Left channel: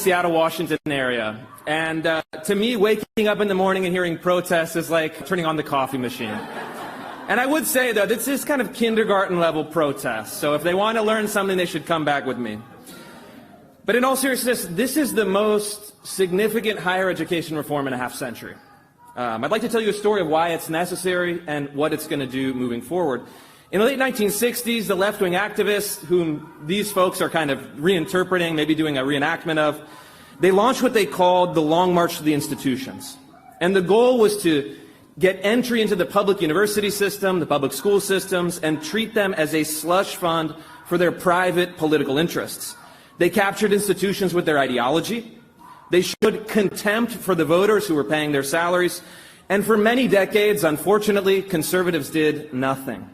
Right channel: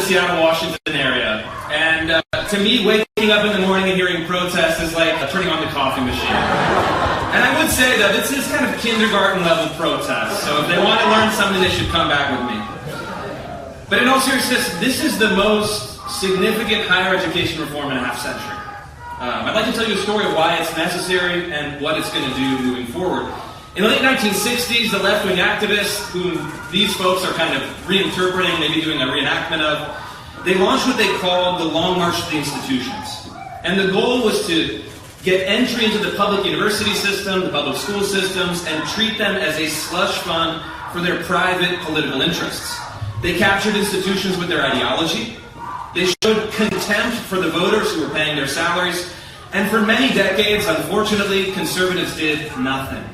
the Seattle, Washington area. And to me, waking up in the morning and hearing protests is like turning on the coffee machine. And I would say that this is kind of kindergarten level protest. So if they want to learn something, they should come back with me. But in all seriousness, this is the most significant higher education reform in a half century. I'd like to tell you a story of why it's necessary and what it's going to do moving forward. In the late 1960s, the left-wing activists, whom these folks are kind of reinterpreting, maybe doing a reenactment of, they launched what they called the Long March to the Institutions. And the goal was to get entry into the public university system, the public school systems, and treat them as a slush fund for their private political interests. They captured institutions with their ideology. They showed contempt for the voters who were paying their salaries. And for many decades, unfortunately, conservatives did nothing.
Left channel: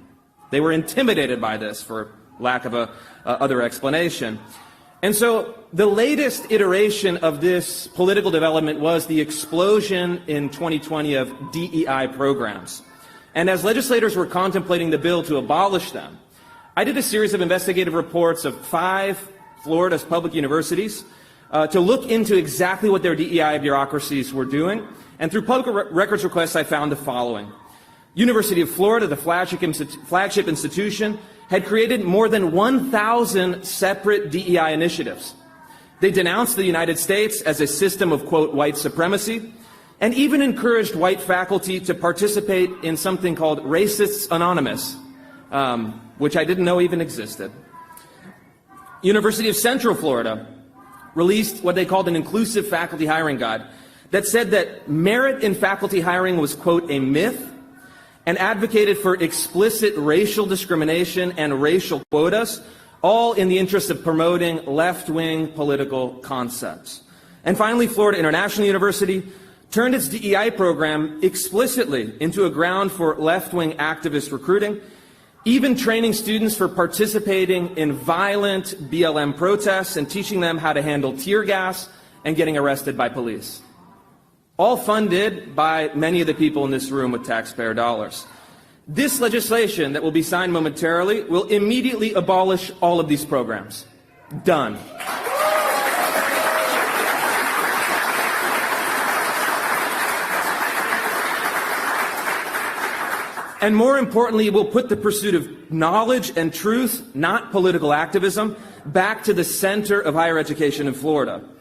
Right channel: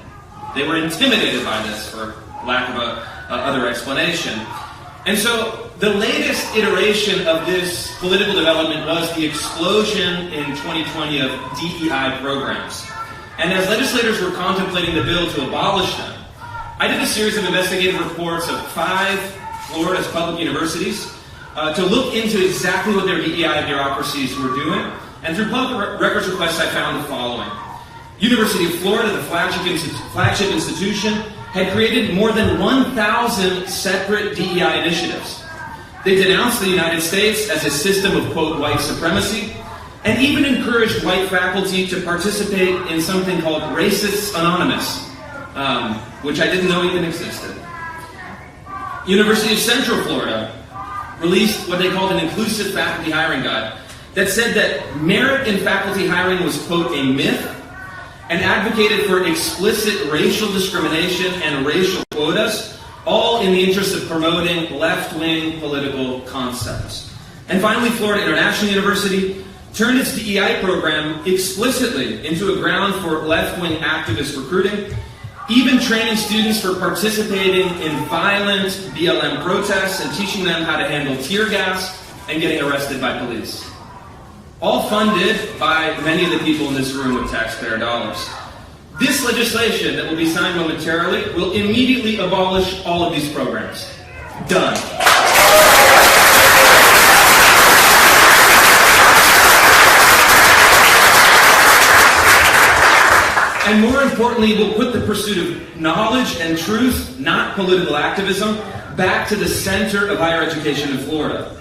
They were intimidated by this, for lack of a other explanation. And so the latest iteration of this political development was the explosion in 2020 of DEI programs. And as legislators were contemplating the bill to abolish them, I did a series of investigative reports of 5 Florida's public universities to look into exactly what their DEI bureaucracies were doing. And through public records requests, I found the following. University of Florida, the flagship institution, had created more than 1,000 separate DEI initiatives. They denounced the United States as a system of, quote, white supremacy, and even encouraged white faculty to participate in something called Racists Anonymous, which I didn't know even existed. University of Central Florida released what they called an inclusive faculty hiring guide that said that merit in faculty hiring was, quote, a myth, and advocated for explicit racial discrimination and racial quotas, all in the interest of promoting left-wing political concepts. And finally, Florida International University turned its DEI program explicitly into a ground for left-wing activist recruiting, even training students for participating in violent BLM protests and teaching them how to handle tear gas and getting arrested by police. All funded by many of the people in this room with taxpayer dollars. This legislation that will be signed momentarily will immediately abolish all of these programs. Done. And more importantly, we'll put the pursuit of knowledge and truth, not political activism, back to the center of higher education in Florida.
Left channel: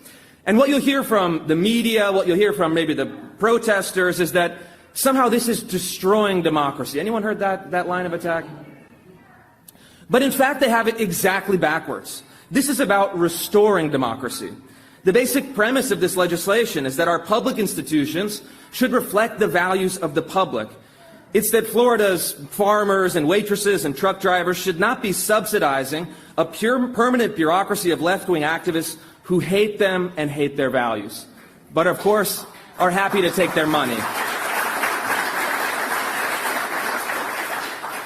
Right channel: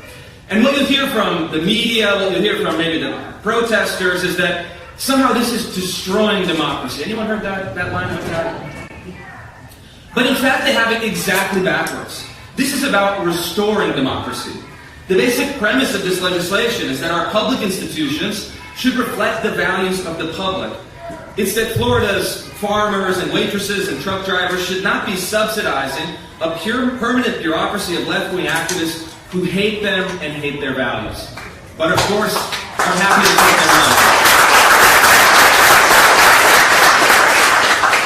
And what you'll hear from the media, what you'll hear from maybe the protesters, is that somehow this is destroying democracy. Anyone heard that line of that? But in fact, they have it exactly backwards. This is about restoring democracy. The basic premise of this legislation is that our public institutions should reflect the values of the public. It's that Florida's farmers and waitresses and truck drivers should not be subsidizing a pure permanent bureaucracy of left-wing activists who hate them and hate their values, but of course are happy to take their money.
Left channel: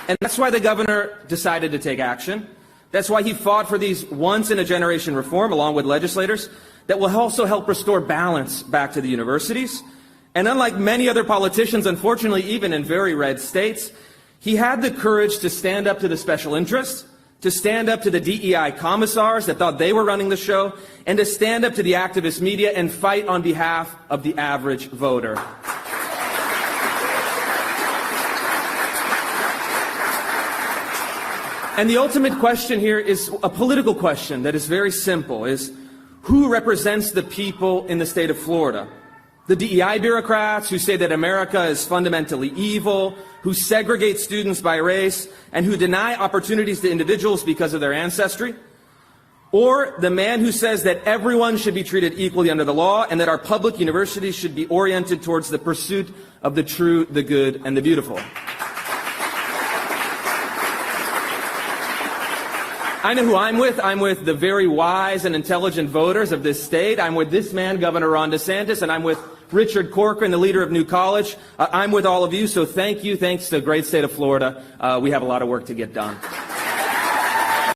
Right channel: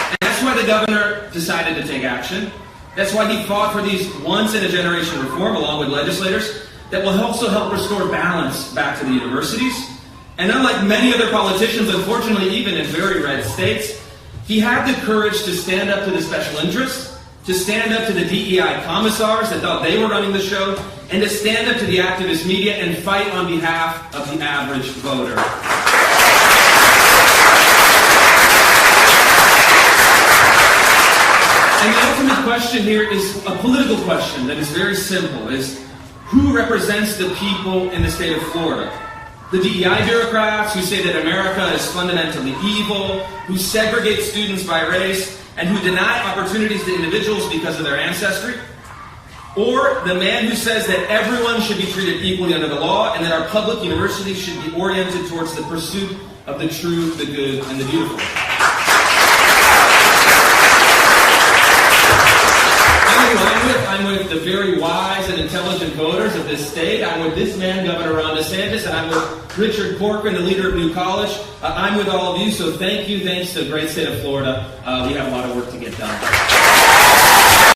And that's why the governor decided to take action. That's why he fought for these once-in-a-generation reform, along with legislators, that will also help restore balance back to the universities. And unlike many other politicians, unfortunately, even in very red states, he had the courage to stand up to the special interests, to stand up to the DEI commissars that thought they were running the show, and to stand up to the activist media and fight on behalf of the average voter. And the ultimate question here is a political question that is very simple, is who represents the people in the state of Florida? The DEI bureaucrats who say that America is fundamentally evil, who segregate students by race, and who deny opportunities to individuals because of their ancestry? Or the man who says that everyone should be treated equally under the law and that our public universities should be oriented towards the pursuit of the true, the good, and the beautiful? I'm with the very wise and intelligent voters of this state. I'm with this man, Governor Ron DeSantis, and I'm with Richard Corcoran, the leader of New College. I'm with all of you, so thank you. Thanks to the great state of Florida. We have a lot of work to get done.